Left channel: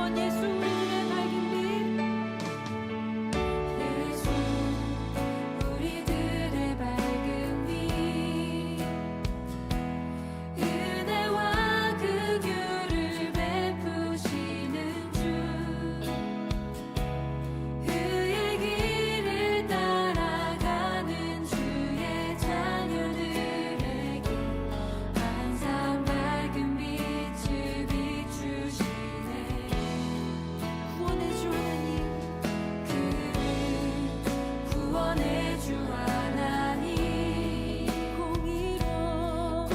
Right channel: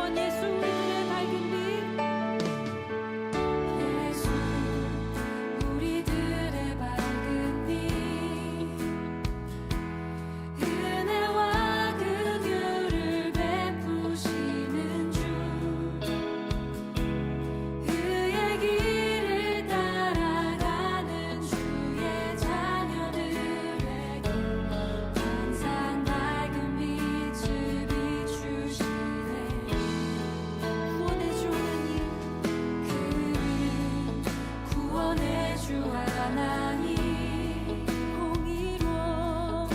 한번 예수 우리들의 밝은 빛, 예수 우리들의 밝은 빛, 은혜와 긍휼을 베푸시는 주, 그의 길을 따라가는 주의 자녀들에게 항상 밝은 빛을 비추시네. 구원의 주 하나님, 그는 구원의 주 하나님, 공의로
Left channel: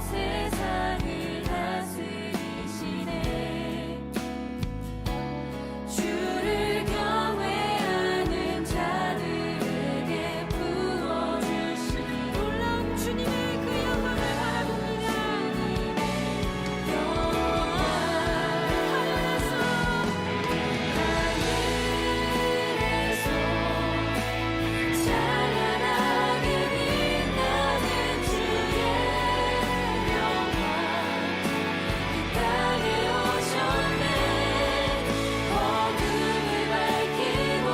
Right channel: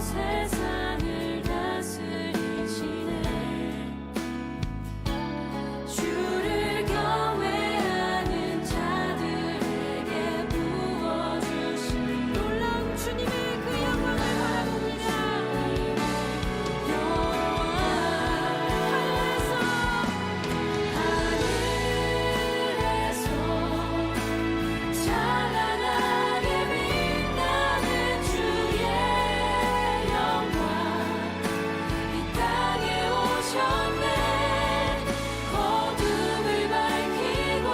세상을 다스리시네. 주를 경외하는 자들에게 부어주신 놀라운 주님의 그 영광을 바라봅니다. 영광 하늘에서 찬란하게 빛나는 주의 영광, 이 땅에 오셨네. 어둠을 밝히고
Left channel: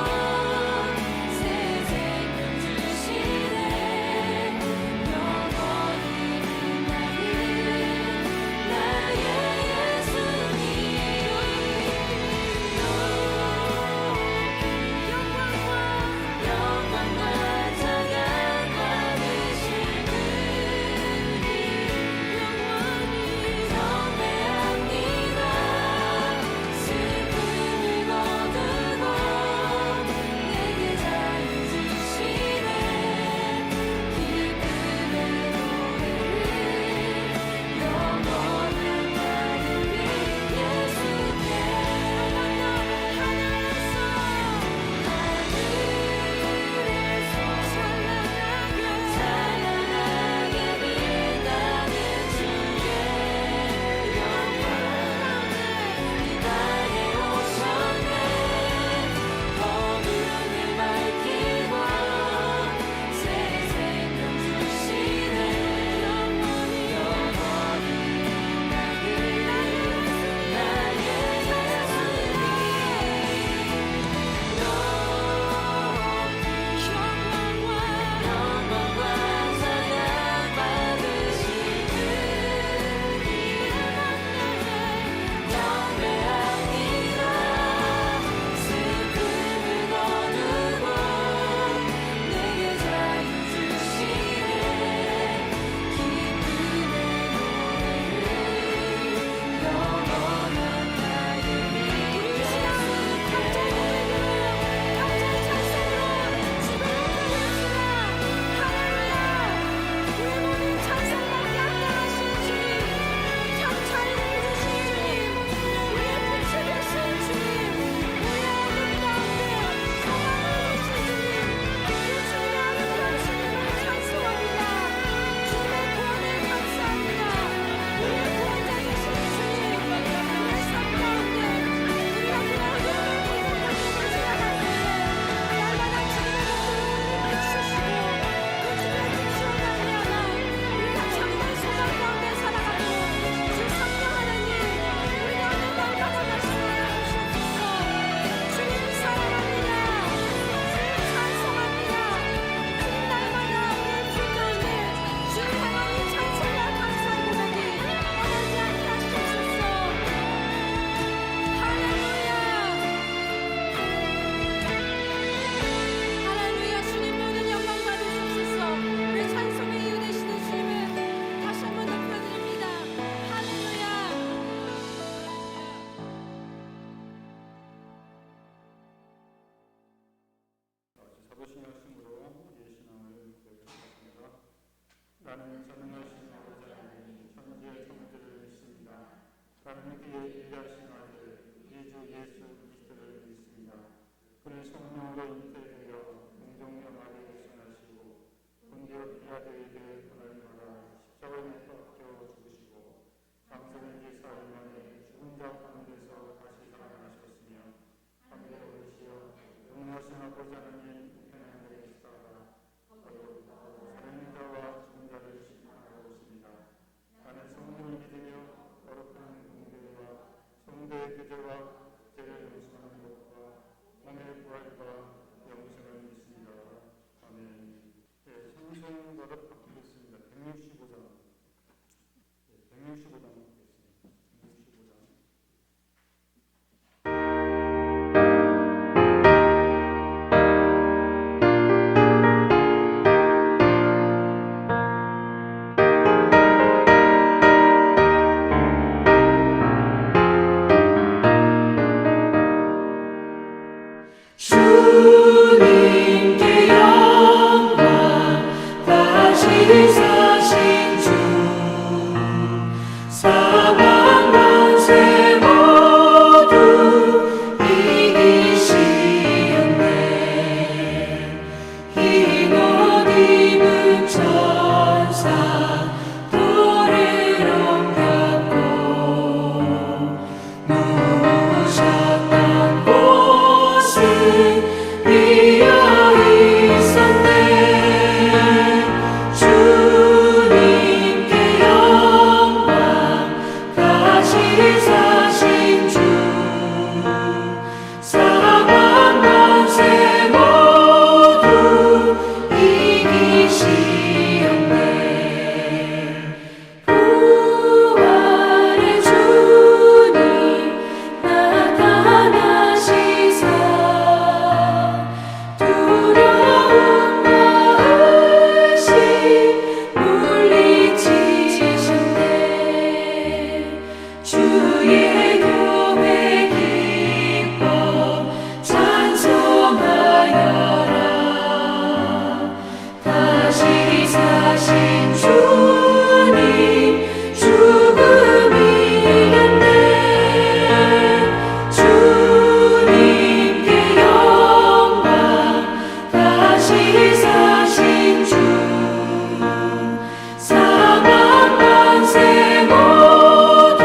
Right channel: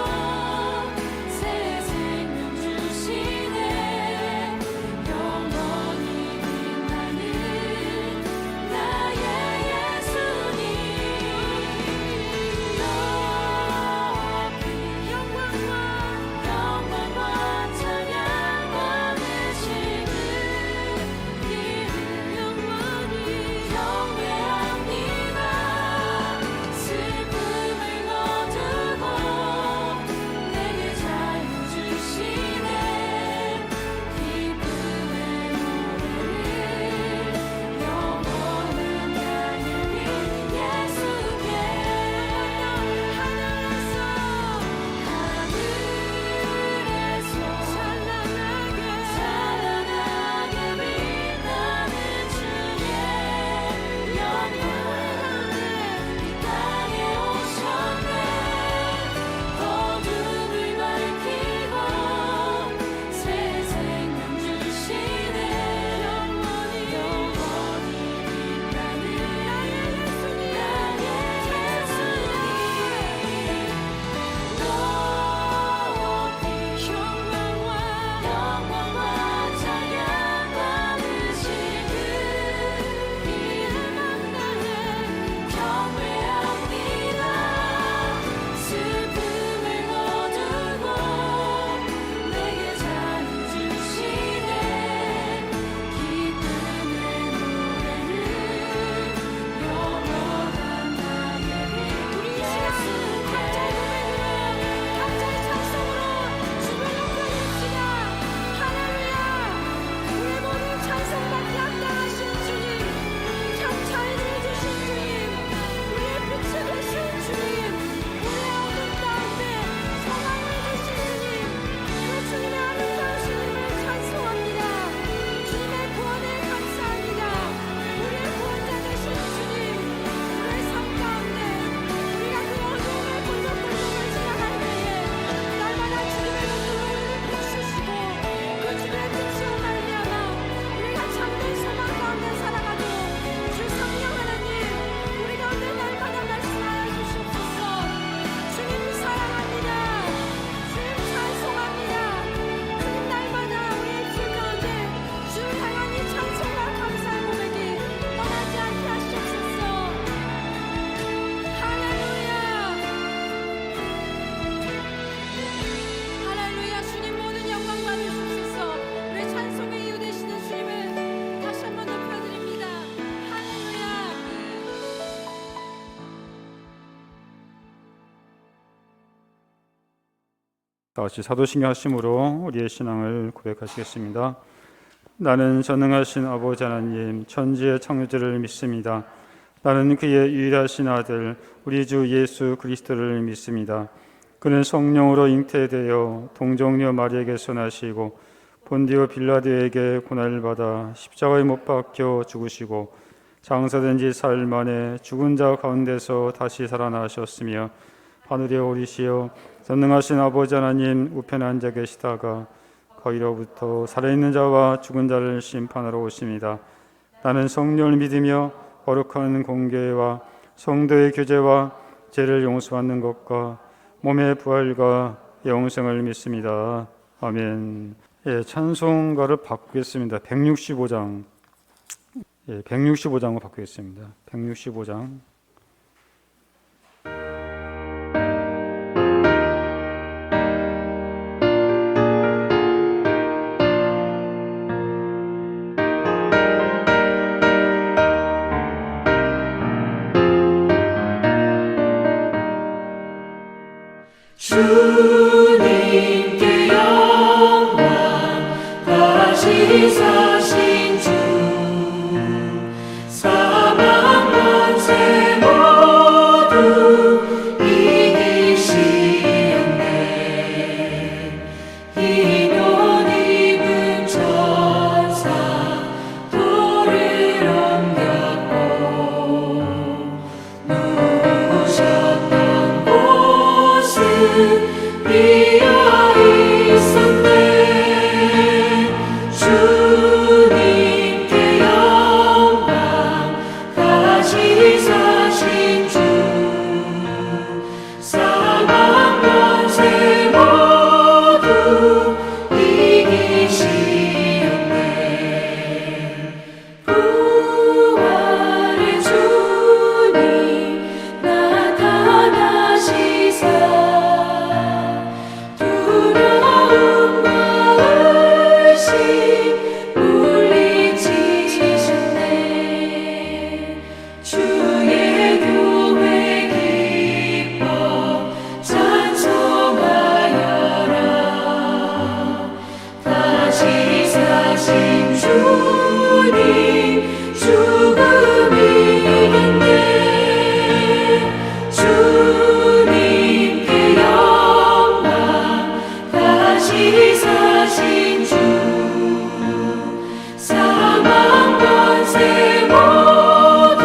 새 생명 주시네. 영원히 빛나는 나의 예수님, 높이 영광과 찬양 받으실 그 영원히 경배합니다. 슬픔을 거두고 내게 자유 주시네. 기쁨의 노래를 영원한 나의 빛 예수께 한 번 더 하늘에서 찬란하게 빛나는 주의 영광이 우리 가운데 이 땅에 오셨네. 어둠을 밝히고 새 생명 주시네. 영원히 나의 예수님 찬송합니다. 영광과 찬양 받으실 그 이름 만나에 경배합니다. 슬픔을 거두고 내게 자유 주시네. 기쁨의 노래를 영원한 나의 우리 이 시간 각자의 고백으로 각자의 찬송으로 주를 높여줍시다. 할렐루야. 우리의 모든 찬송받기 합당하신 주님, 참 자리를 주신 주님, 우리의 빛이 되신 주님, 우리의 어둠 가운데 소망을 주신 주님, 그 주님의 아름다우신 이름을 찬송합니다. 주님의 구원에 감사합니다. 우리의 구원자 되신 주님, 우리의 삶 가운데 우리가 그 어두움의 골목골목을 지나갈 때에 날마다 주님의 것들로 우리를 비추시고 그 주님의 빛으로 말미암아 우리가 참된 소망 가운데 살아가도록 주 성령 하나님 우리 가운데 날마다 말씀하여 주시옵소서. 주님 사랑합니다. 주님 찬송합니다. 주님 날마다 우리의 길 가운데 주를 향한 이 찬송과 감사의 고백이 떠나지 않게 하시옵소서. 할렐루야. 할렐루야. 주님 모든 영광 받으시옵소서. 우리 찬송의 이유 되시는 주님을 다시 한번 높여드립니다. 할렐루야. 다 같이 사도신경 하심으로 우리의 신앙을 고백하시겠습니다. 나는 전능하신 아버지 하나님 천지의 창조주를 믿습니다. 나는 그의 유일하신 아들 우리 주 예수 그리스도를 믿습니다. 그는 성령으로 잉태되어 동정녀 마리에게서 나시고 본디오 빌라도에게 고난을 받아 십자가에 못 박혀 죽으시고 장사된 지 사흘 만에 죽은 자 가운데서 다시 살아나셨으며 하늘에 오르시어 전능하신 아버지 하나님 우편에 앉아 계시다가 거기로부터 살아있는 자와 죽은 자를 심판하러 오십니다. 나는 성령을 믿으며 거룩한 공교회와 성도의 교제와 죄를 용서받는 것과 몸의 부활과 영생을 믿습니다. 아멘. 예, 찬송가를 바꾸겠습니다. 165장. 예, 165장으로 바꾸겠습니다. 165장. 주님께 영광 다시 사신 주 사방 권세 모두 이기시었네. 흰 옷 입은 천사 돌을 옮겼고 누우셨던 곳은 비어 있었네. 주님께 영광 다시 사신 주 사방 권세 모두 이기시었네. 부활의 주님 나타나시사 두려움과 의심 물리치셨네. 주의 교회 기뻐 찬송하여라. 다시 사신 주님 죽음 이겼네. 주님께 영광 다시 사신 주 사방 권세 모두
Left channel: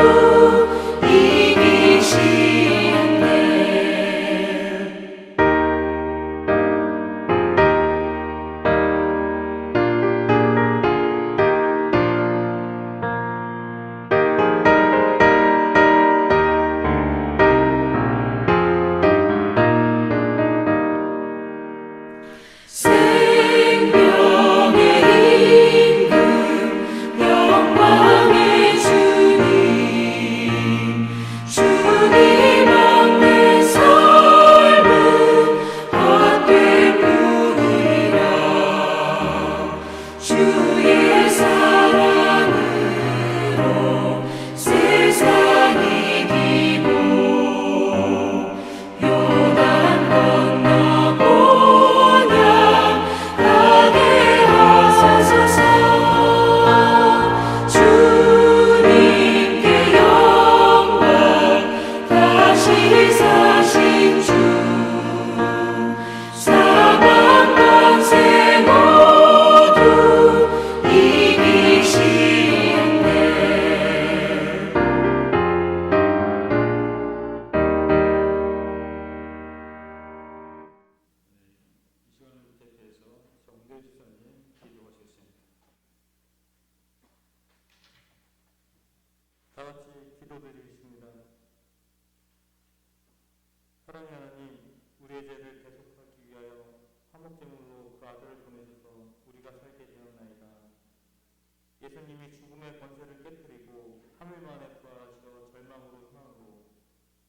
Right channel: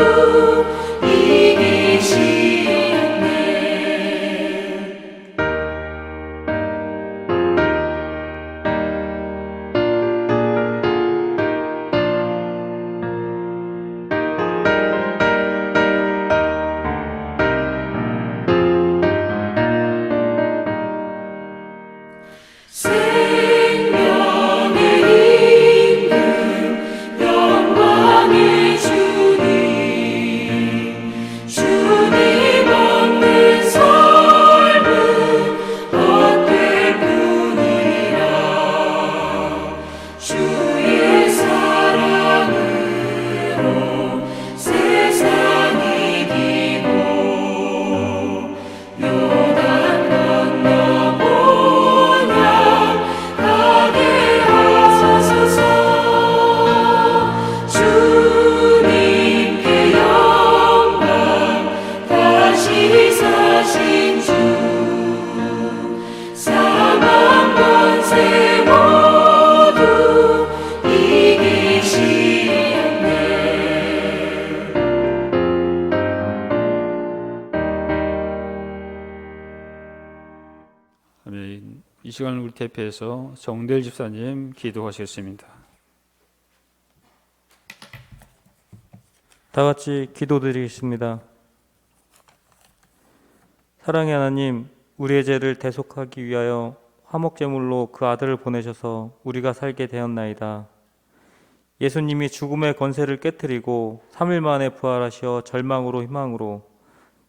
이기시었네. 생명의 임금 영광의 주님 주님 없는 삶은 헛될 뿐이라. 주의 사랑으로 세상 이기고 요단 건너 본향 가게 하소서. 주님께 영광 다시 사신 주 사방 권세 모두 이기시었네. 아멘. 이 시간을 우리 대표해서 정대일 집사님 기도하시겠습니다. 다 같이 기도드리겠습니다. 사랑의 하나님, 우리의 죄를 대속하기 위하여 화목제물로 그 아들을 보내셔서 우리가 살게 되었나이다. 예수님이 죽음의 권세를 깨뜨리고 3일 만에 부활하시어 절망으로 희망으로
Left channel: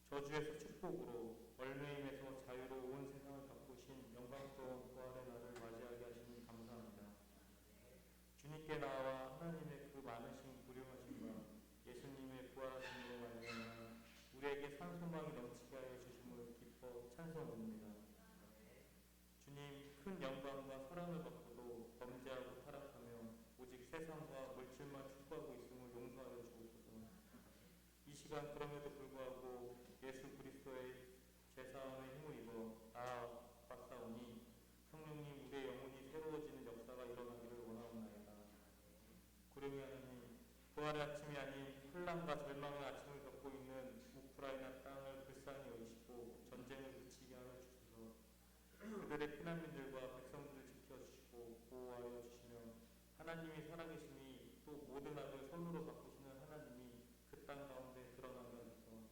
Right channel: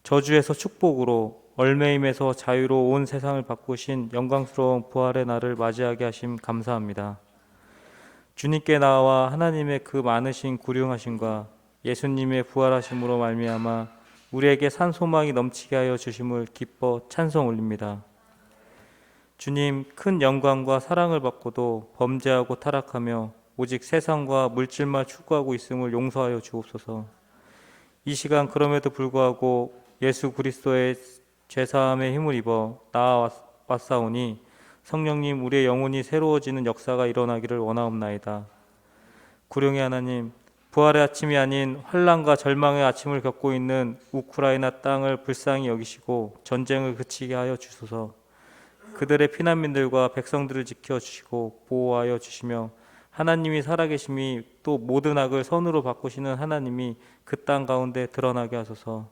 저주에서 축복으로 얼매임에서 자유로 온 세상을 바꾸신 영광스러운 부활의 날을 맞이하게 하심 감사합니다. 주님께 나와 하나님의 그 많으신 구륜하심과 예수님의 부활하심으로 말미암아 우리에게 산 소망이 넘치게 하여 주심을 기뻐 찬송 올립니다. 주님, 큰 영광과 사랑을 받고도 범죄하고 타락하며 오직 세상과 물질만 추구하고 있음을 용서하여 주옵소서. 이 시간 그럼에도 불구하고 예수 그리스도의 죄사함의 힘을 입어 나아왔사오니 성령님, 우리의 영혼이 새로워지는 역사가 일어나기를 원하옵나이다. 구령의 하나님, 부활의 아침이 아닌 환난과 절망의 아침을 겪고 있는 우크라이나 땅을 불쌍히 여기시고 전쟁을 그치게 하여 주소서. 그들의 피난민들과 백성들을 지켜주시고 보호하여 주시며 하나님이 살아계심이 또 모든 악을 선으로 바꾸시는 하나님이 그 땅 가운데 드러나게 하소서.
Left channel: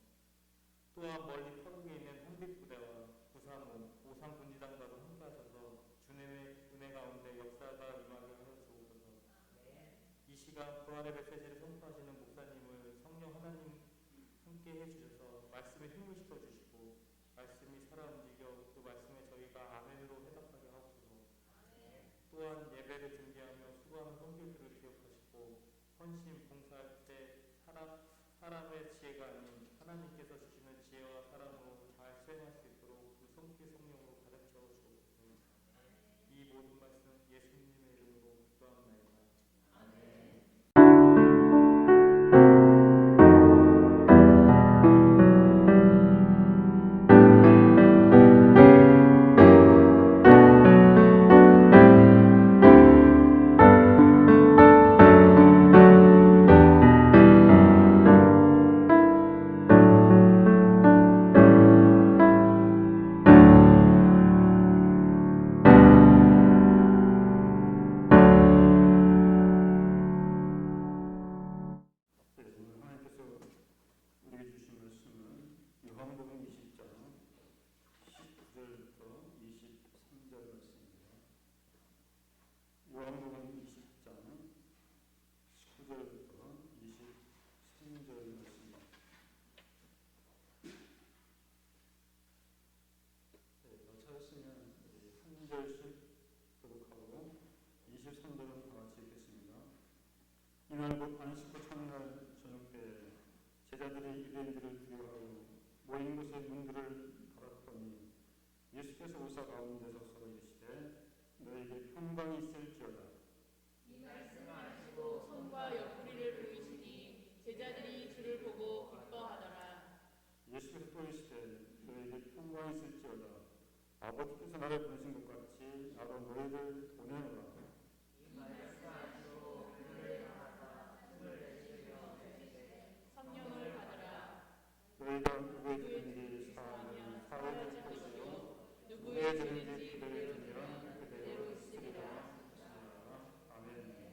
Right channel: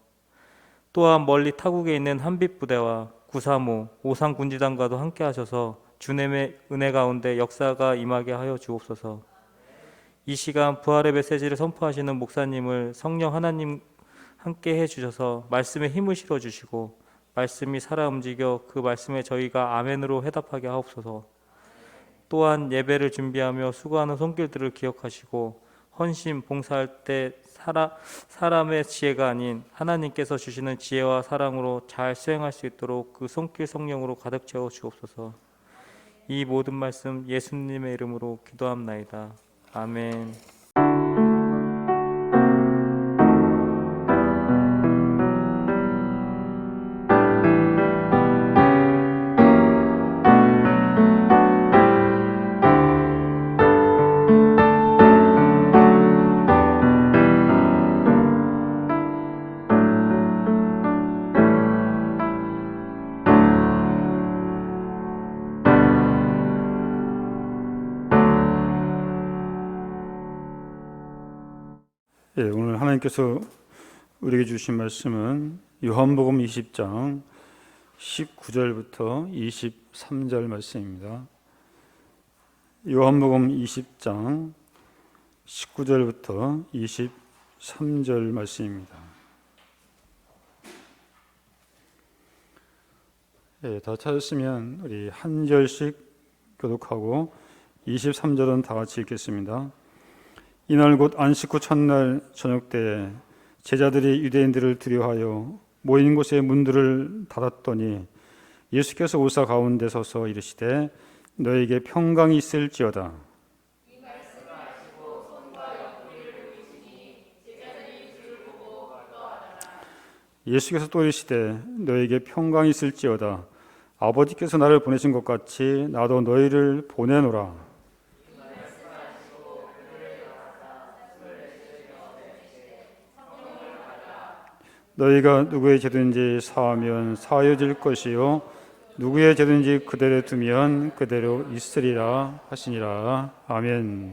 또한 멀리 타국에 있는 한빛부대와 935 오상군지단과도 함께 하셔서 주님의 은혜 가운데 역사가 임하게 하여 주옵소서. 이 시간 부활의 메시지를 선포하시는 목사님을 성령 하나님 함께 해주셔서 말씀에 힘을 실어주시고 말씀이 살아 움직여 그 말씀에 저희가 아멘으로 해답하게 하옵소서. 또한 예배를 준비하며 수고하는 손길들을 기억하시고 헌신 봉사할 때 사람의 지혜가 아닌 하나님께서 주시는 지혜와 사랑으로 잘 수행할 수 있도록 그 손길 성령으로 가득 채워 주옵소서. 이 모든 말씀 예수님의 이름으로 기도합나이다. 아멘. 예, 오늘 하나님께서 우리에게 주신 말씀은 요한복음 20장 19절부터 23절 말씀입니다. 요한복음 20장 19절부터 23절 말씀입니다. 예, 다 찾았으면 우리 한 절씩 교독하고 23절은 다 같이 읽겠습니다. 이날 곧 안식 후 첫날 저녁 때에 제자들이 유대인들을 두려워하여 모인 곳에 문들을 닫았더니 예수께서 오사 가운데 서서 이르시되 너에게 평강이 있을지어다. 이 말씀을 하시고 손과 옆구리를 보이시니 제자들이 주를 보고 기뻐하더라. 예수께서 또 이르시되 너에게 평강이 있을지어다. 아버지께서 나를 보내신 것 같이 나도 너희를 보내노라. 너희가 누구의 죄든지 사하면 사하여질 것이요 누구의 죄든지 그대로 두면 그대로 있으리라 하시니라. 아멘.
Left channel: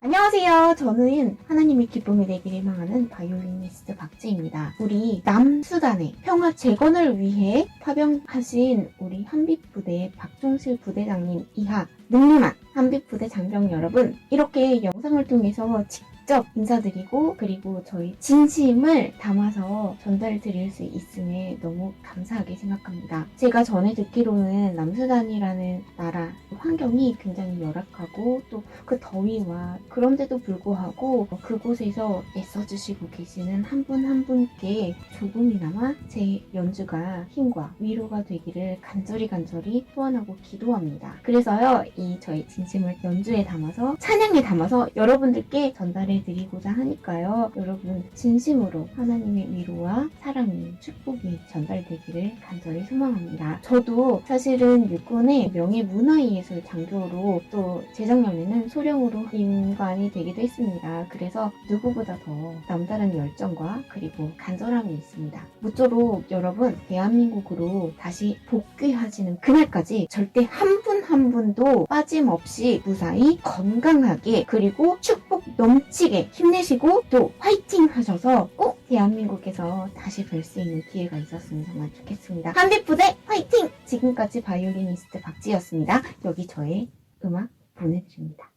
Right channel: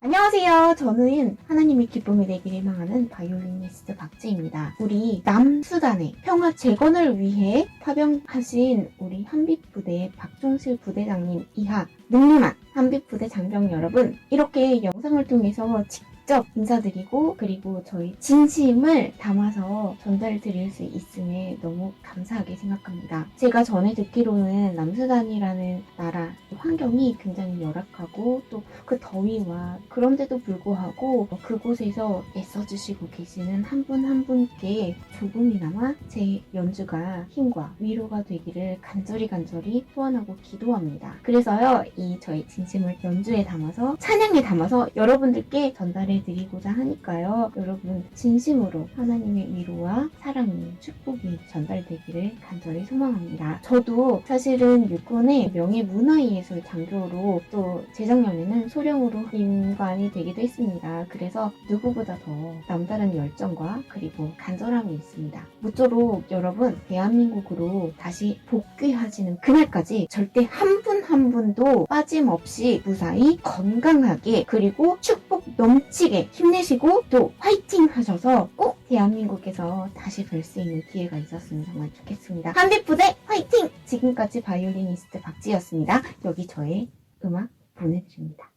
안녕하세요. 저는 하나님의 기쁨이 되기를 희망하는 바이올리니스트 박지입니다. 우리 남수단의 평화 재건을 위해 파병하신 우리 한빛부대 박종실 부대장님 이하 능림한 한빛부대 장병 여러분, 이렇게 영상을 통해서 직접 인사드리고 그리고 저희 진심을 담아서 전달드릴 수 있음에 너무 감사하게 생각합니다. 제가 전에 듣기로는 남수단이라는 나라 환경이 굉장히 열악하고 또 그 더위와 그런데도 불구하고 그곳에서 애써주시고 계시는 한 분 한 분께 조금이나마 제 연주가 힘과 위로가 되기를 간절히 소원하고 기도합니다. 그래서요, 이 저희 진심을 연주에 담아서 찬양에 담아서 여러분들께 전달해 드리고자 하니까요, 여러분 진심으로 하나님의 위로와 사랑이 축복이 전달되기를 간절히 소망합니다. 저도 사실은 육군의 명예문화예술 장교로 또 재작년에는 소령으로 임관이 되기도 했습니다. 그래서 누구보다 더 남다른 열정과 그리고 간절함이 있습니다. 모쪼록 여러분 대한민국으로 다시 복귀하시는 그날까지 절대 한 분 한 분도 빠짐없이 무사히 건강하게 그리고 축복 넘치게 힘내시고 또 화이팅 하셔서 꼭 대한민국에서 다시 뵐 수 있는 기회가 있었으면 정말 좋겠습니다. 한빛부대 화이팅! 지금까지 바이올리니스트 박지였습니다. 여기 저의 음악 보내드립니다.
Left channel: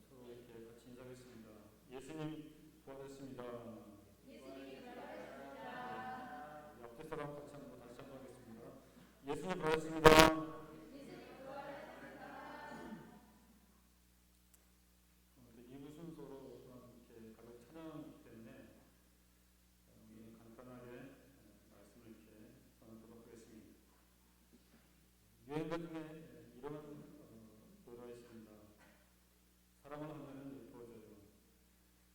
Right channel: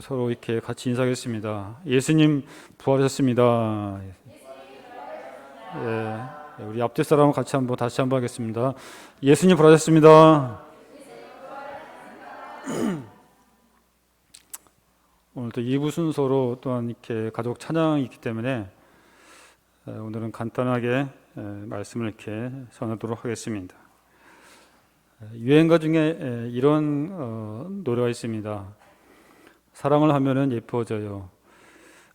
서로 이렇게 같이 인사하겠습니다. 예수님 부활하셨습니다. 예, 우리 앞뒤 사람 같이 다시 한번 하겠습니다. 예수님 부활하셨습니다. 오늘 또 2부 순서로 또한 이렇게 가족 찬양이 있기 때문에 오늘은 간단하게 말씀을 이렇게 전하도록 하겠습니다. 유행가 중에 이런 노래가 있습니다. 사랑을 하면은 예뻐져요.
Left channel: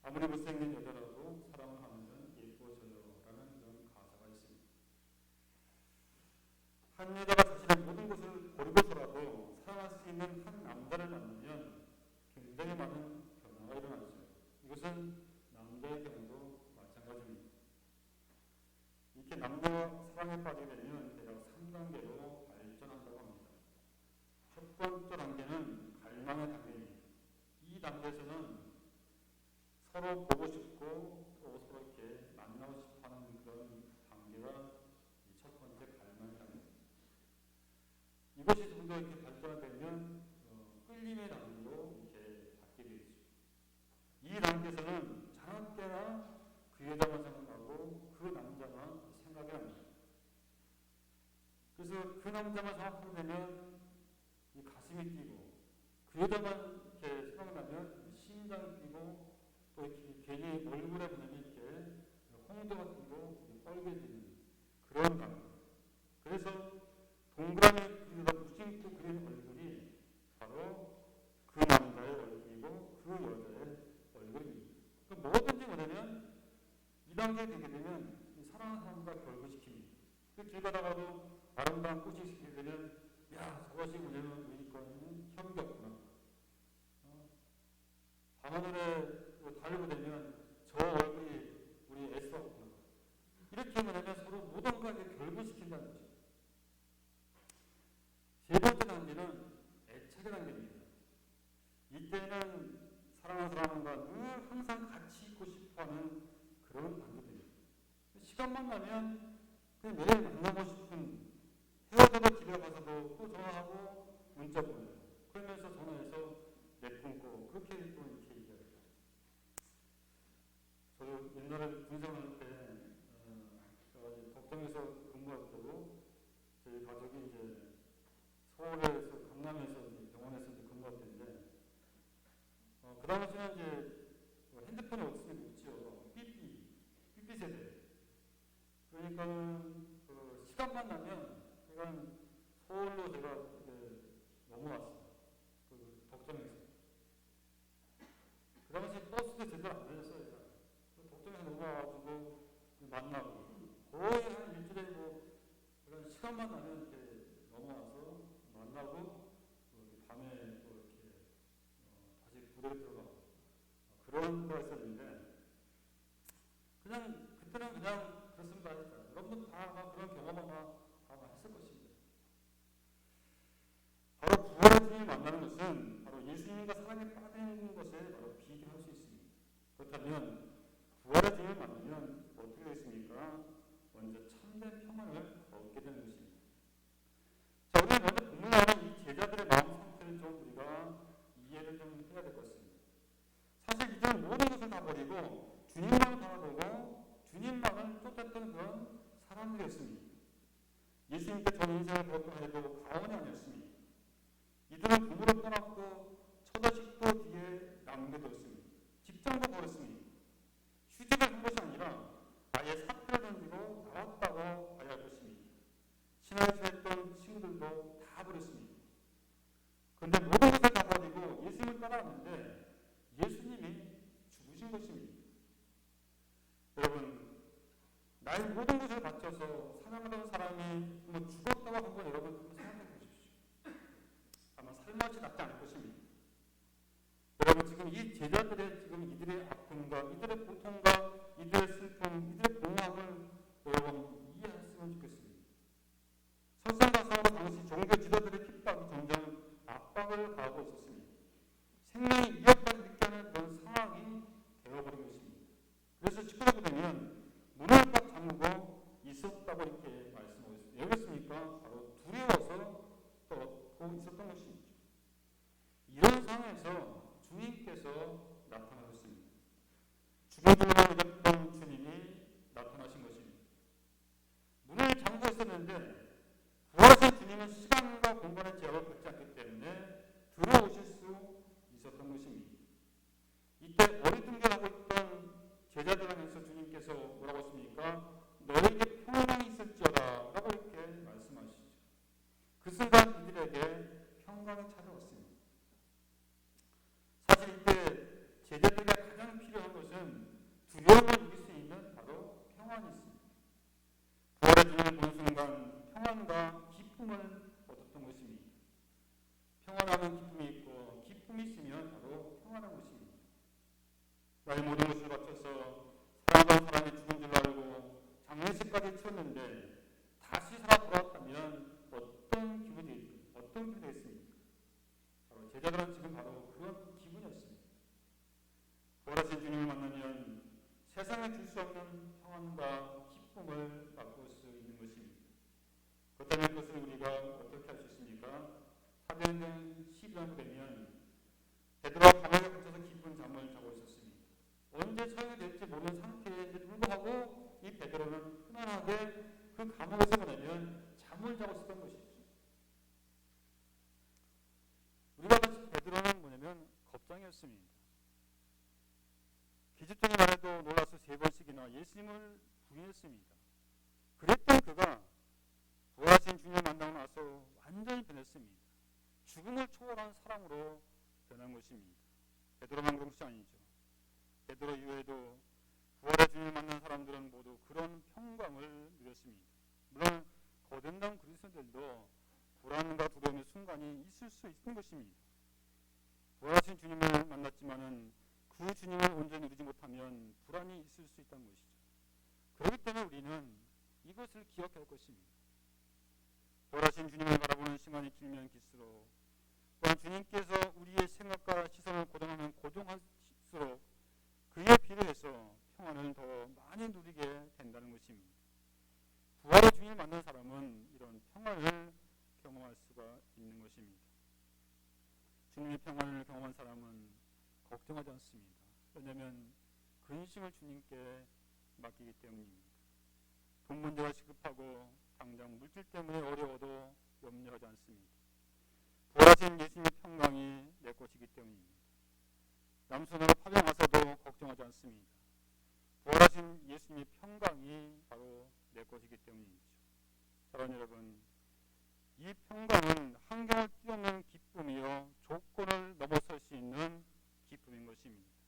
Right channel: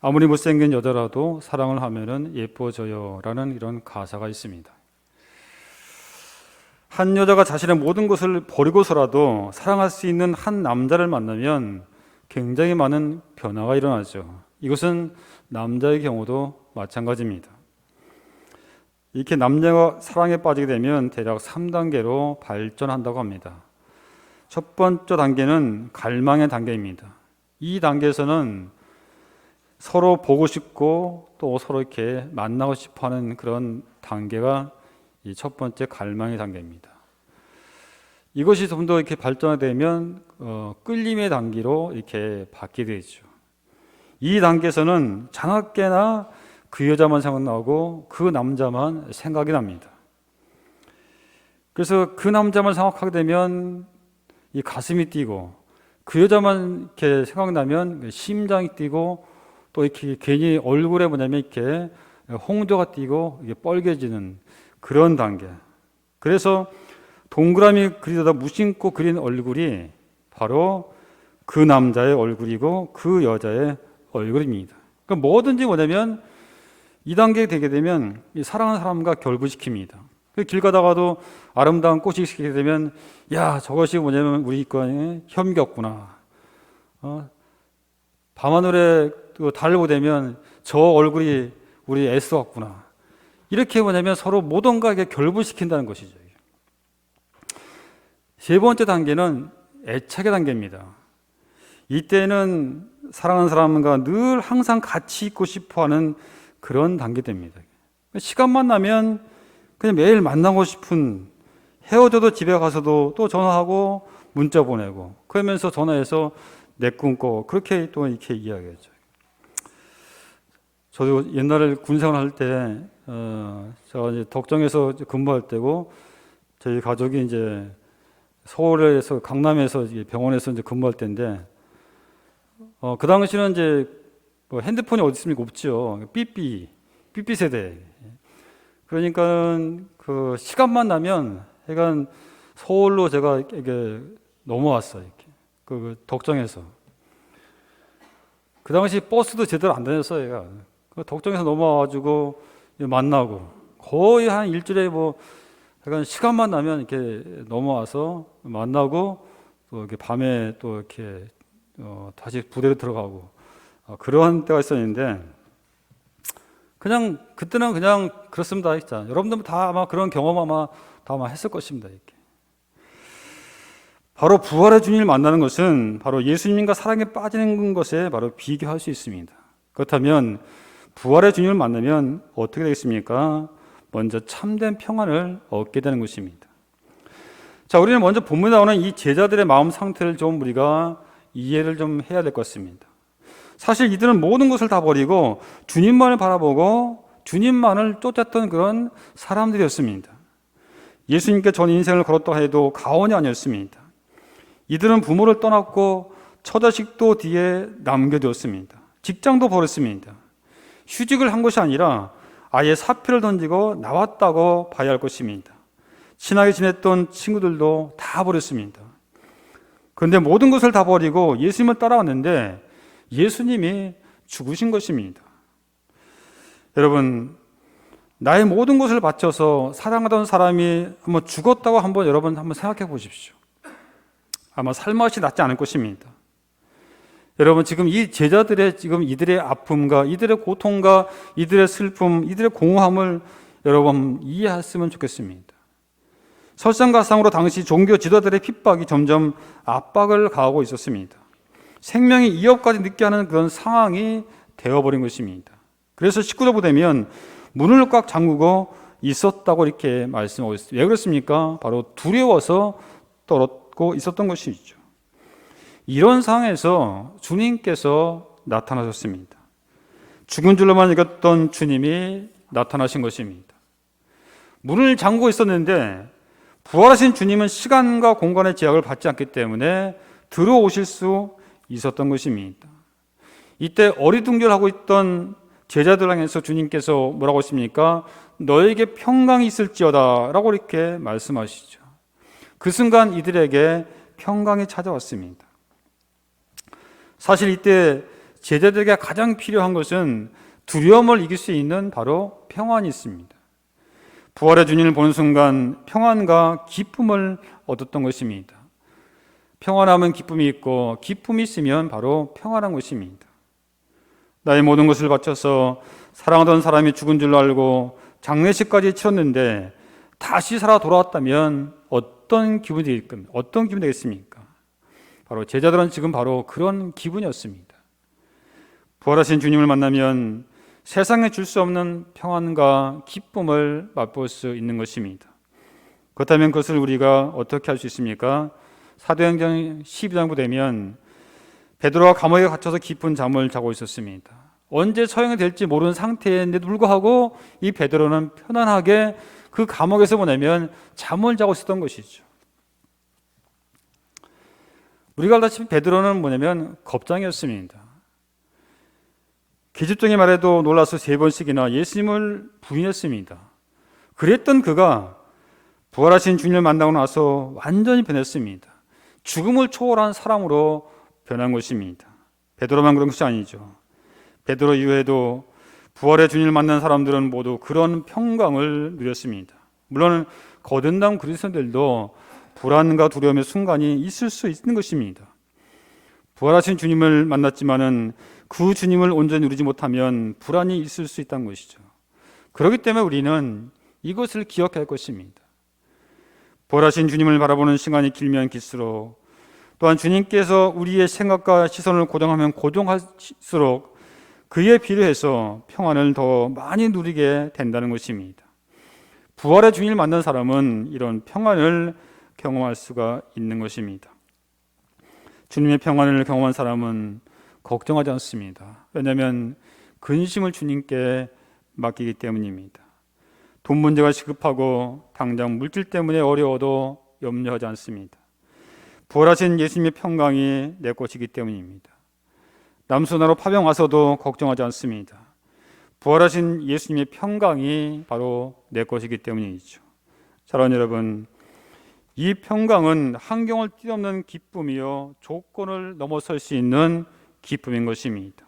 아무리 못생긴 여자라도 사랑을 하면은 예뻐져요 라는 이런 가사가 있습니다. 한 여자가 자신의 모든 것을 버리고서라도 사랑할 수 있는 한 남자를 만나면 굉장히 많은 변화가 일어나죠. 이것은 남자의 경우도 마찬가지입니다. 이렇게 남자가 사랑에 빠지게 되면 대략 3단계로 발전한다고 합니다. 첫 번째 단계는 갈망의 단계입니다. 이 단계에서는 서로 보고 싶고 또 서로 이렇게 만나고 싶어 하는 그런 단계가 이 첫 번째 갈망의 단계입니다. 이것이 좀 더 이렇게 발전되면 끌림의 단계로 이렇게 바뀌게 되죠. 이 단계에서는 장학계나 그 여자만 생각나고 그 남자만 생각이 납니다. 그래서 그 남자만 생각하게 되면 이 가슴이 뛰고 그 여자만 이렇게 생각나면 심장이 뛰고 또 이렇게 괜히 얼굴에 이렇게 홍조가 뛰고 이게 빨개지는 그런 단계. 그래서 동그라미 그리다가 무심코 그린 얼굴이 바로 그 남자의 얼굴이고 그 여자의 얼굴입니다. 그러니까 뭐든지 이 단계에 되게 되면 이 사랑하는 사람과 결부시킵니다. 길 가다가도 아름다운 꽃이 있게 되면 야 저것이 우리 거의 혐겼구나. 밤하늘에 달 보되면 저 얼굴이 우리 애써 왔구나. 이렇게 서로 모든가 결부시킨다는 것이죠. 세 번째 단계는 애착의 단계입니다. 이때는 사랑하는 사람과 늘 항상 같이 있고 싶어하는 그런 단계 됩니다. 시간만 나면 그냥 매일 만나고 싶은, 헤어져도 집에 가서도 또 전화하고 문자 보내고 그러면서 전화해서 내 꿈꿔 그렇게 또 이렇게 이야기하죠. 저도 옛날에 군생활 할 때 제가 이제 덕정에서 근무할 때고 저희 가족이 이제 서울에서 강남에서 병원에서 이제 근무할 때인데 그 당시는 이제 뭐 핸드폰이 어디 있습니까? 없죠. 삐삐 세대. 그러니까 그 시간만 나면 약간 서울로 제가 이게 넘어왔어요. 이렇게 그 덕정에서. 그 당시 버스도 제대로 안 다녔어요. 얘가. 그 덕정에서 넘어와가지고 만나고 거의 한 일주일에 약간 시간만 나면 이렇게 넘어와서 만나고 또 이렇게 밤에 또 이렇게 다시 부대로 들어가고 그런 때가 있었는데 그냥 그때는 그냥 그렇습니다. 진짜 여러분들 다 아마 그런 경험 다 했을 것입니다. 이렇게. 바로 부활의 주님을 만나는 것은 바로 예수님과 사랑에 빠지는 것에 바로 비교할 수 있습니다. 그렇다면 부활의 주님을 만나면 어떻게 되겠습니까? 먼저 참된 평안을 얻게 되는 것입니다. 자, 우리는 먼저 본문에 나오는 이 제자들의 마음 상태를 좀 우리가 이해를 좀 해야 될 것 같습니다. 사실 이들은 모든 것을 다 버리고 주님만을 바라보고 주님만을 쫓았던 그런 사람들이었습니다. 예수님께 전 인생을 걸었다 해도 가언이 아니었습니다. 이들은 부모를 떠났고 처자식도 뒤에 남겨두었습니다. 직장도 버렸습니다. 휴직을 한 것이 아니라 아예 사표를 던지고 나왔다고 봐야 할 것입니다. 친하게 지냈던 친구들도 다 버렸습니다. 그런데 모든 것을 다 버리고 예수님을 따라왔는데 예수님이 죽으신 것입니다. 여러분, 나의 모든 것을 바쳐서 사랑하던 사람이 한번 죽었다고 여러분 한번 생각해 보십시오. 아마 삶맛이 낫지 않을 것입니다. 여러분, 지금 이 제자들의 이들의 아픔과 이들의 고통과 이들의 슬픔, 이들의 공허함을 여러분 이해했으면 좋겠습니다. 설상가상으로 당시 종교 지도자들의 핍박이 점점 압박을 가하고 있었습니다. 생명의 위협까지 느끼게 하는 그런 상황이 되어버린 것입니다. 그래서 19절 보면 문을 꽉 잠그고 있었다고 이렇게 말씀하고 있습니다. 왜 그렇습니까? 바로 두려워서 떨었고 있었던 것이죠. 이런 상황에서 주님께서 나타나셨습니다. 죽은 줄로만 여겼던 주님이 나타나신 것입니다. 문을 잠그고 있었는데 부활하신 주님은 시간과 공간의 제약을 받지 않기 때문에 들어오실 수 있었던 것입니다. 이때 어리둥절하고 있던 제자들 향해서 주님께서 뭐라고 하십니까? 너에게 평강이 있을지어다 라고 이렇게 말씀하시죠. 그 순간 이들에게 평강이 찾아왔습니다. 사실 이때 제자들에게 가장 필요한 것은 두려움을 이길 수 있는 바로 평안이 있습니다. 부활의 주님을 보는 순간 평안과 기쁨을 얻었던 것입니다. 평안하면 기쁨이 있고 기쁨이 있으면 바로 평안한 것입니다. 나의 모든 것을 바쳐서 사랑하던 사람이 죽은 줄 알고 장례식까지 치렀는데 다시 살아 돌아왔다면 어떤 기분이 되겠습니까? 바로 제자들은 지금 바로 그런 기분이었습니다. 부활하신 주님을 만나면 세상에 줄 수 없는 평안과 기쁨을 맛볼 수 있는 것입니다. 그렇다면 그것을 우리가 어떻게 할 수 있습니까? 사도행전 12장부 되면 베드로가 감옥에 갇혀서 깊은 잠을 자고 있었습니다. 언제 처형이 될지 모르는 상태인데도 불구하고 이 베드로는 편안하게 그 감옥에서 보내면 잠을 자고 있었던 것이죠. 우리가 알다시피 베드로는 뭐냐면 겁장이었습니다. 기집종의 말에도 놀라서 3번씩이나 예수님을 부인했습니다. 그랬던 그가 부활하신 주님을 만나고 나서 완전히 변했습니다. 죽음을 초월한 사람으로 변한 것입니다. 베드로만 그런 것이 아니죠. 베드로 이후에도 부활의 주님을 만난 사람들은 모두 그런 평강을 누렸습니다. 물론 거듭난 그리스도인들도 불안과 두려움의 순간이 있을 수 있는 것입니다. 부활하신 주님을 만났지만은 그 주님을 온전히 누리지 못하면 불안이 있을 수 있다는 것이죠. 그렇기 때문에 우리는 이것을 기억해야 할 것입니다. 부활하신 주님을 바라보는 시간이 길면 길수록, 또한 주님께서 우리의 생각과 시선을 고정하면 고정할수록 그에 비례해서 평안을 더 많이 누리게 된다는 것입니다. 부활의 주님을 만난 사람은 이런 평안을 경험할 수가 있는 것입니다. 주님의 평안을 경험한 사람은 걱정하지 않습니다. 왜냐하면 근심을 주님께 맡기기 때문입니다. 돈 문제가 시급하고 당장 물질 때문에 어려워도 염려하지 않습니다. 부활하신 예수님의 평강이 내 것이기 때문입니다. 남순화로 파병 와서도 걱정하지 않습니다. 부활하신 예수님의 평강이 바로 내 것이기 때문이죠. 사랑하는 여러분, 이 평강은 환경을 뛰어넘는 기쁨이요 조건을 넘어설 수 있는 기쁨인 것입니다.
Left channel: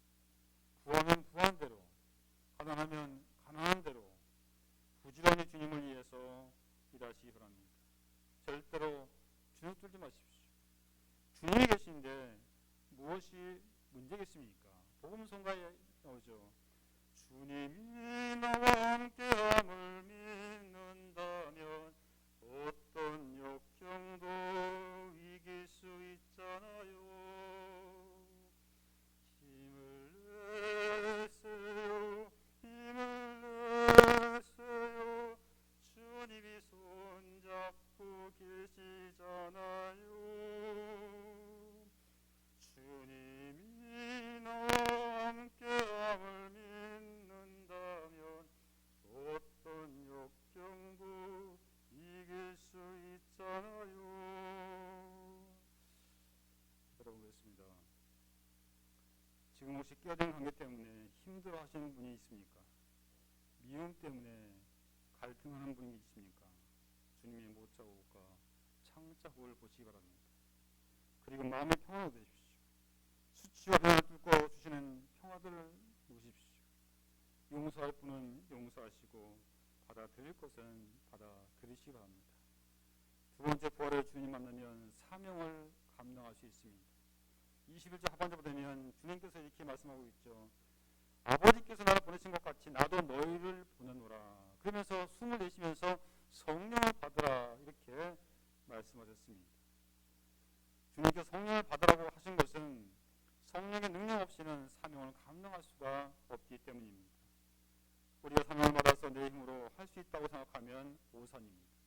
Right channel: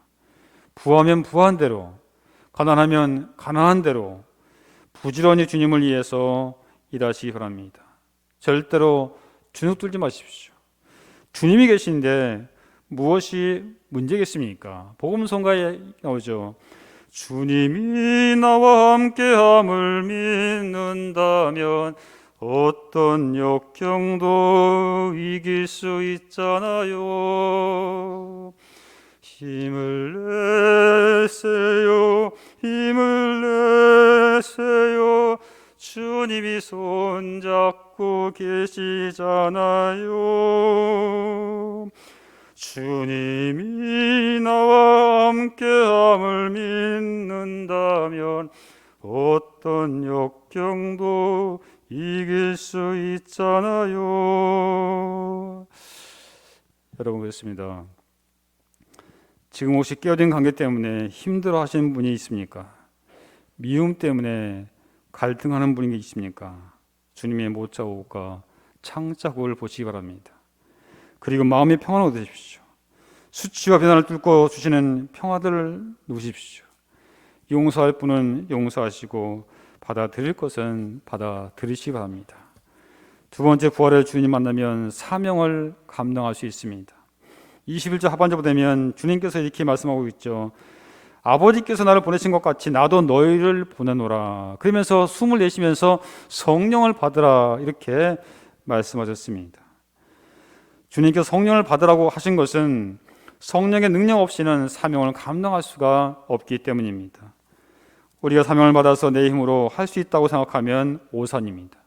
부하면 부한 대로, 가난하면 가난한 대로 부지런히 주님을 위해서 일하시기 바랍니다. 절대로 주눅 들지 마십시오. 주님이 계신데 무엇이 문제겠습니까? 복음성가에 나오죠. 주님이 나와 함께함을 믿는다면 어떤 역경도 이길 수 있잖아요. 힘을 내세요, 힘을 내세요. 주님이 손잡고 계시잖아요. 주님이 나와 함께함을 믿는다면 어떤 역경도 이길 수 있잖아요. 여러분, 그렇습니다. 지금 혹시 깨어진 관계 때문에 힘들어 하시는 분이 있습니까? 미움 때문에 갈등하는 분이 있습니까? 주님의 못자국과 창자국을 보시기 바랍니다. 그리고 마음의 평안을 얻으십시오. 수치와 비난을 뚫고 주시는 평화들을 누리십시오. 용서할 분은 용서하시고 받아들일 것은 받아들이시기 바랍니다. 두 번째, 부활의 주님 만나면 사명을 감당할 수 있습니다. 21절 하반절부터 되면 주님께서 이렇게 말씀하고 있죠. 아버지께서 나를 보내신 것 같이 나도 너희를 보내노라. 그러면서 숨을 내쉬면서 성령을 받으라, 이렇게 말씀하셨습니다. 주님께서 성령을 받으라고 하신 것은 성령의 능력 없이는 사명을 감당할 수가 없기 때문입니다. 우리가 사명을 받아서 내 힘으로 할 수 있다고 생각하면 오산입니다.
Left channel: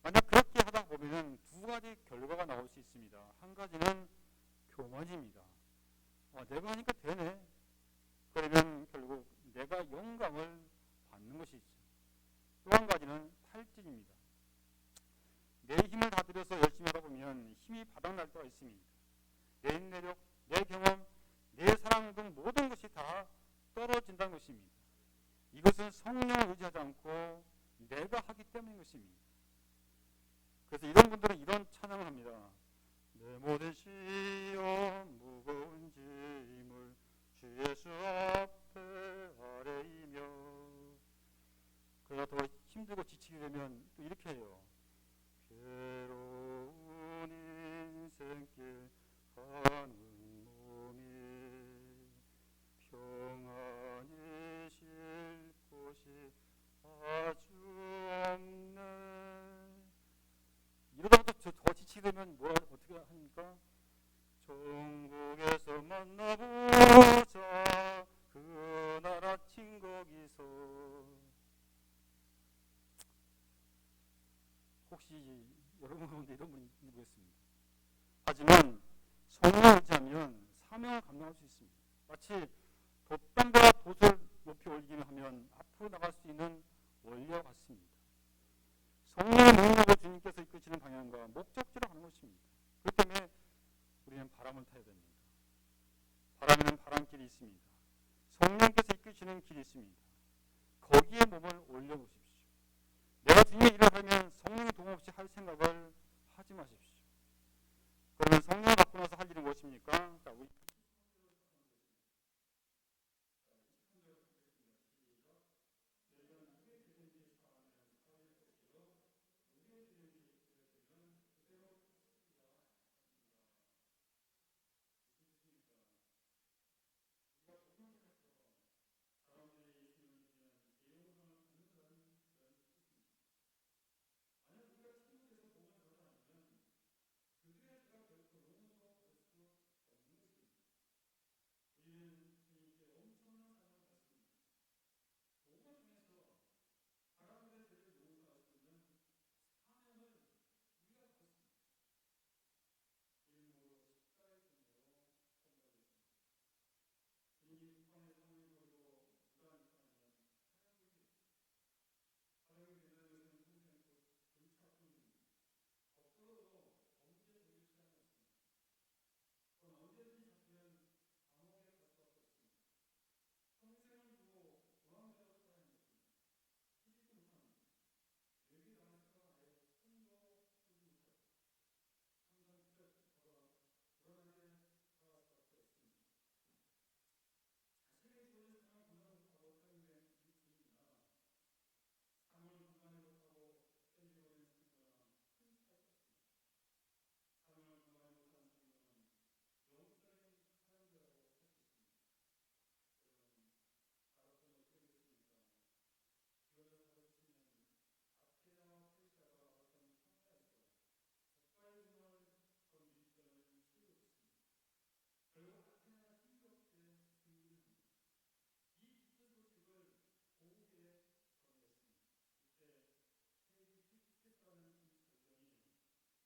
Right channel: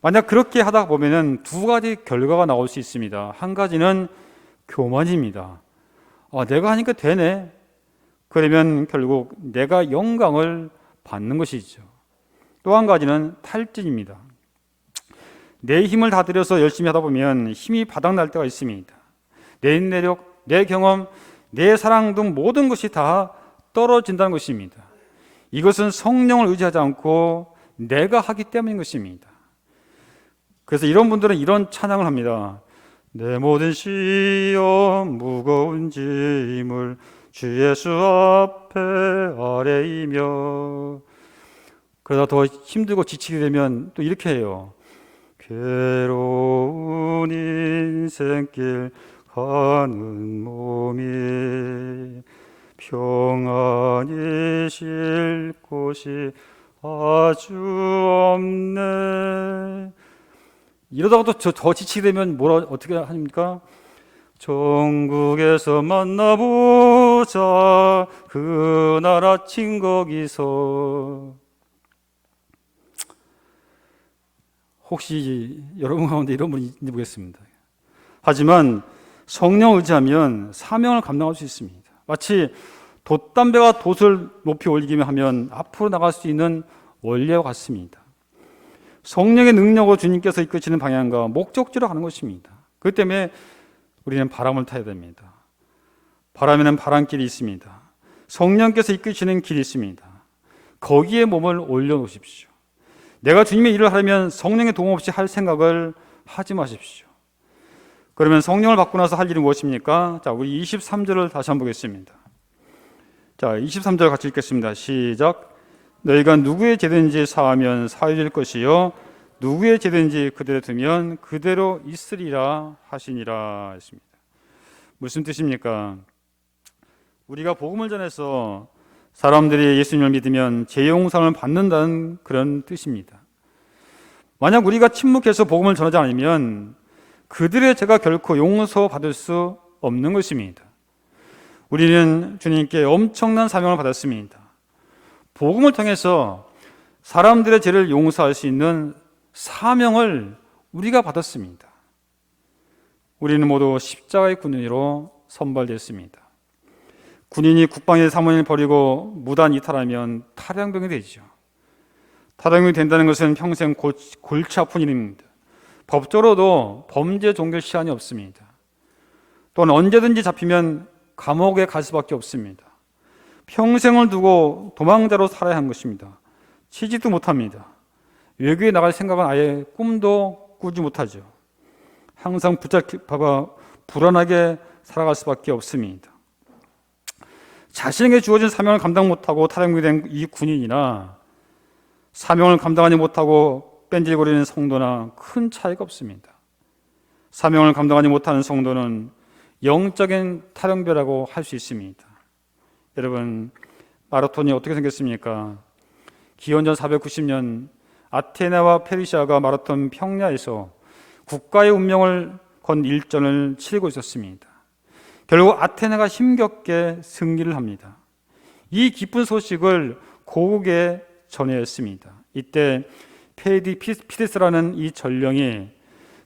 만약 그렇게 하다 보면은 두 가지 결과가 나올 수 있습니다. 한 가지는 교만입니다. 내가 하니까 되네. 그러면 결국 내가 영광을 받는 것이죠. 또 한 가지는 탈진입니다. 내 힘을 다 들여서 열심히 하다 보면 힘이 바닥날 때가 있습니다. 내 인내력, 내 경험, 내 사랑 등 모든 것이 다 떨어진다는 것입니다. 이것은 성령을 의지하지 않고 내가 하기 때문인 것입니다. 그래서 이런 분들은 이런 찬양을 합니다. 내 모든 시험 무거운 짐을 주 예수 앞에 아뢰이며, 그러다 더 힘들고 지치게 되면 또 이렇게 해요. 괴로운 인생길 가는 몸이 평안히 쉴 곳이 아주 없네. 이러다가 또 더 지치게 되면 어떻게 합니까? 전국에서 만나보자 그날 아침 거기서. 혹시 여러분 가운데 이런 분이 있는지 모르겠습니다. 하지만 성령을 의지하면 사명을 감당할 수 있습니다. 마치 돛담배가 돛을 높이 올리기만 하면 앞으로 나갈 수 있는 원리와 같습니다. 성령의 능력으로 주님께서 이끄시는 방향과 목적지로 가는 것입니다. 그렇기 때문에 우리는 바람을 타야 됩니다. 바람에는 바람길이 있습니다. 성령께서 이끄시는 길이 있습니다. 거기에 몸을 올려놓으십시오. 내가 주님의 일을 하려면 성령의 도움 없이 할 생각을 하지 마십시오. 그러면 성령을 받고 나서 할 일이 무엇입니까? 자, 우리 23절을 다시 한번 보겠습니다. 자, 23절 같이 읽겠습니다. 시작. 너희가 누구의 죄든지 사하면 사해질 것이요 누구의 죄든지 그대로 두면 그대로 있으리라 하시니라 했습니다. 무슨 뜻입니까? 우리가 복음을 전해서 사람들이 예수님을 믿으면 죄 용서를 받는다는 그런 뜻입니다. 만약 우리가 침묵해서 복음을 전하지 않으면 그들의 죄가 결코 용서받을 수 없는 것입니다. 우리는 주님께 엄청난 사명을 받았습니다. 복음을 통해서 사람들의 죄를 용서할 수 있는 사명을 우리가 받았습니다. 우리는 모두 십자가의 군인으로 선발됐습니다. 군인이 국방의 사모님을 버리고 무단 이탈하면 탈영병이 되죠. 탈영병이 된다는 것은 평생 골치 아픈 일입니다. 법적으로도 범죄 종결 시한이 없습니다. 또한 언제든지 잡히면 감옥에 갈 수밖에 없습니다. 평생을 두고 도망자로 살아야 하는 것입니다. 치지도 못합니다. 외국에 나갈 생각은 아예 꿈도 꾸지 못하죠. 항상 붙잡아 불안하게 살아갈 수밖에 없습니다. 자신에게 주어진 사명을 감당 못하고 탈영병이 된 이 군인이나 사명을 감당하지 못하고 뺀질거리는 성도나 큰 차이가 없습니다. 사명을 감당하지 못하는 성도는 영적인 탈영병이라고 할 수 있습니다. 여러분, 마라톤이 어떻게 생겼습니까? 기원전 490년 아테네와 페르시아가 마라톤 평야에서 국가의 운명을 건 일전을 치르고 있었습니다. 결국 아테네가 힘겹게 승리를 합니다. 이 기쁜 소식을 고국에 전했습니다. 이때 페디피데스라는 이 전령이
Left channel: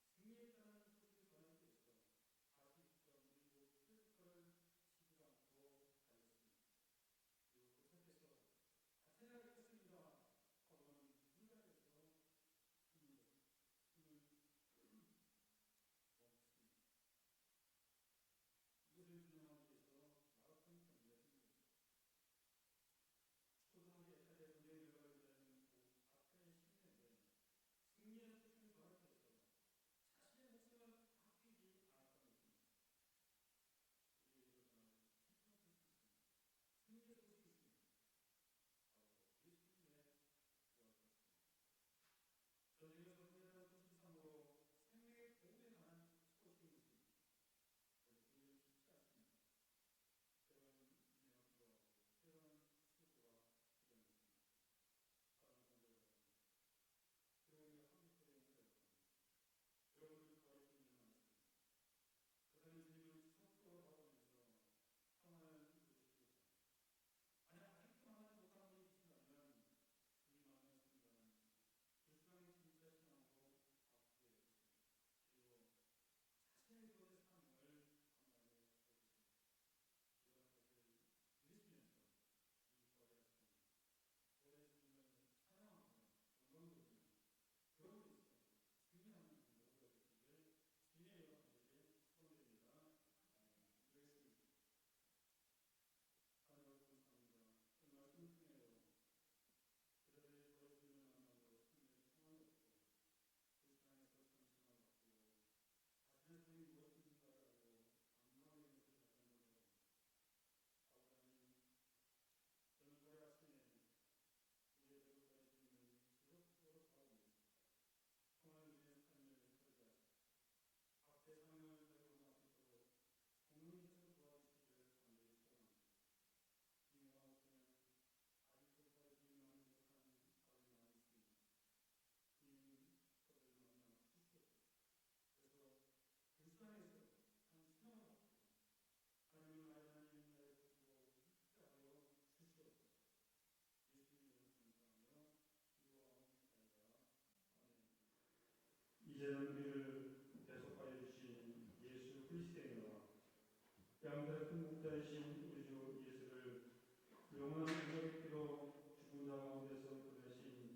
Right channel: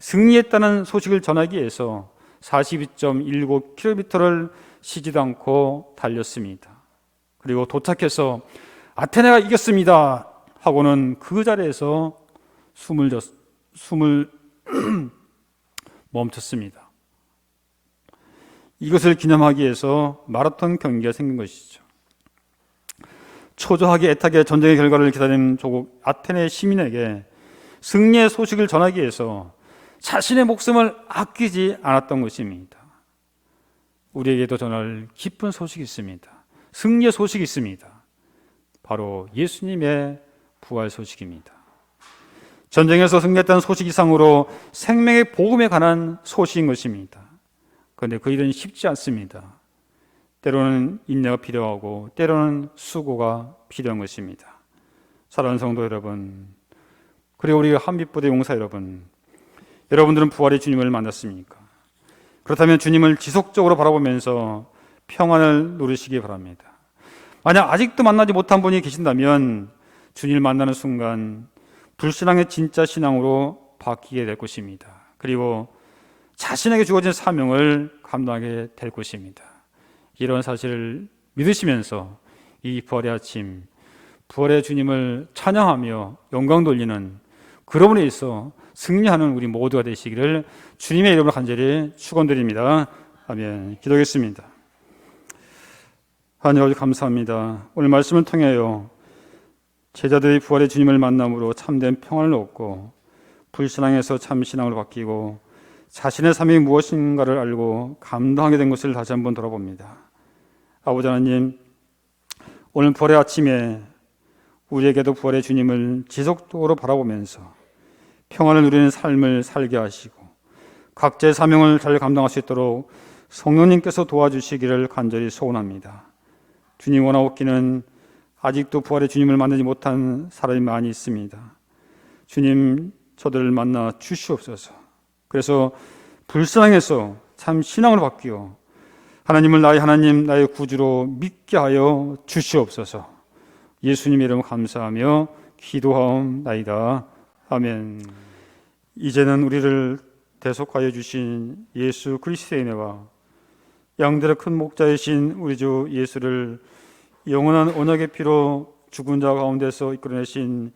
승리했다는 소식을 전하기 위해서 42.19km를 쉬지도 않고 달렸습니다. 그리고 도착해서 아테네가 이겼습니다 하고는 그 자리에서 숨을 멈췄습니다. 이것을 기념하기 위해서 마라톤 경기가 생긴 것이죠. 초조하게 애타게 전쟁의 결과를 기다리는 조국 아테네 시민에게 승리의 소식을 전하기 위해서 자신의 목숨을 아끼지 않았던 것입니다. 우리에게도 전할 기쁜 소식이 있습니다. 승리의 소식이 있습니다. 바로 예수님의 부활 소식입니다. 전쟁에서 승리했다는 소식 이상으로 생명의 복음에 관한 소식인 것입니다. 그런데 그 일은 쉽지 않습니다. 때로는 인내가 필요하고 때로는 수고가 필요한 것입니다. 사랑하는 성도 여러분, 그리고 우리 한빛부대 용사 여러분, 여러분들은 부활의 주님을 만났습니까? 그렇다면 주님을 지속적으로 바라보면서 평안을 누리시기 바랍니다. 만약 아직도 만나지 못한 분이 계신다면 주님을 만나는 순간 불신앙의 진짜 신앙으로 바뀌게 될 것입니다. 그리고 자신에게 주어진 사명을 감당하게 될 것입니다. 이런 사실을 믿으시면서 이 부활의 아침, 부활의 주님을 찬양하며 영광 돌리는 그러므로 있어 승리하는 우리 모두가 되시기를 주님의 이름으로 간절히 축원드립니다. 아멘. 기도하겠습니다. 하나님 아버지 감사합니다. 오늘 말씀을 통하여 제자들이 부활의 주님을 만남으로 참된 평안을 얻고 불신앙에서 참신앙으로 바뀌고 자신의 삶이 무엇인가를 알고 감당하게 된 것을 다시 한번 돌아봅니다. 아버지 하나님, 오늘 부활의 아침에 우리에게도 부활의 주님을 지속적으로 바라보면서 평안을 누리는 삶을 살게 하시고 각자의 사명을 잘 감당할 수 있도록 성령님께서 도와주시기를 간절히 소원합니다. 주님 원하옵기는 아직도 부활의 주님을 만나지 못한 사람이 많이 있습니다. 주님, 저들을 만나 주시옵소서. 그래서 불신앙에서 참 신앙으로 바뀌어 하나님을 나의 하나님, 나의 구주로 믿게 하여 주시옵소서. 예수님의 이름으로 감사하며 기도하옵나이다. 아멘. 이제는 우리를 대속하여 주신 예수 그리스도의 은혜와 양들의 큰 목자이신 우리 주 예수를 영원한 언약의 피로 죽은 자 가운데서 이끌어내신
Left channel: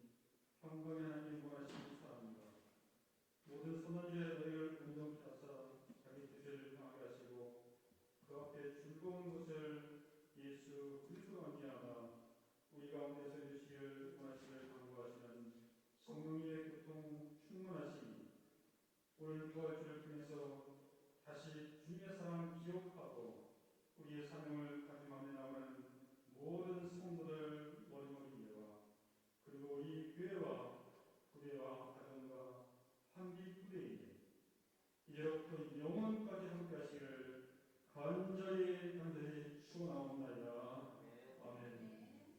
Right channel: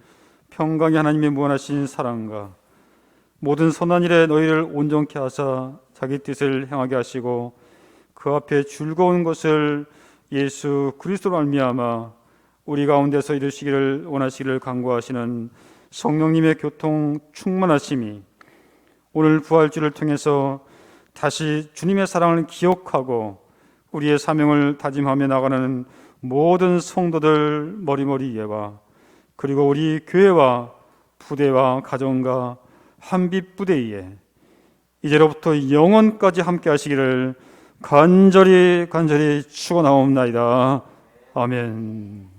평강의 하나님의 무한하신 사랑과 모든 선한 일에 너희를 온전케 하사 자기 뜻을 행하게 하시고 그 앞에 즐거운 것을 예수 그리스도로 말미암아 우리 가운데서 이루시기를 원하시기를 간구하시는 성령님의 교통 충만하심이 오늘 부활주를 통해서 다시 주님의 사랑을 기억하고 우리의 사명을 다짐하며 나가는 모든 성도들 머리머리 예와 그리고 우리 교회와 부대와 가정과 한빛 부대에 이제로부터 영원까지 함께 하시기를 간절히 축원하옵나이다. 아멘.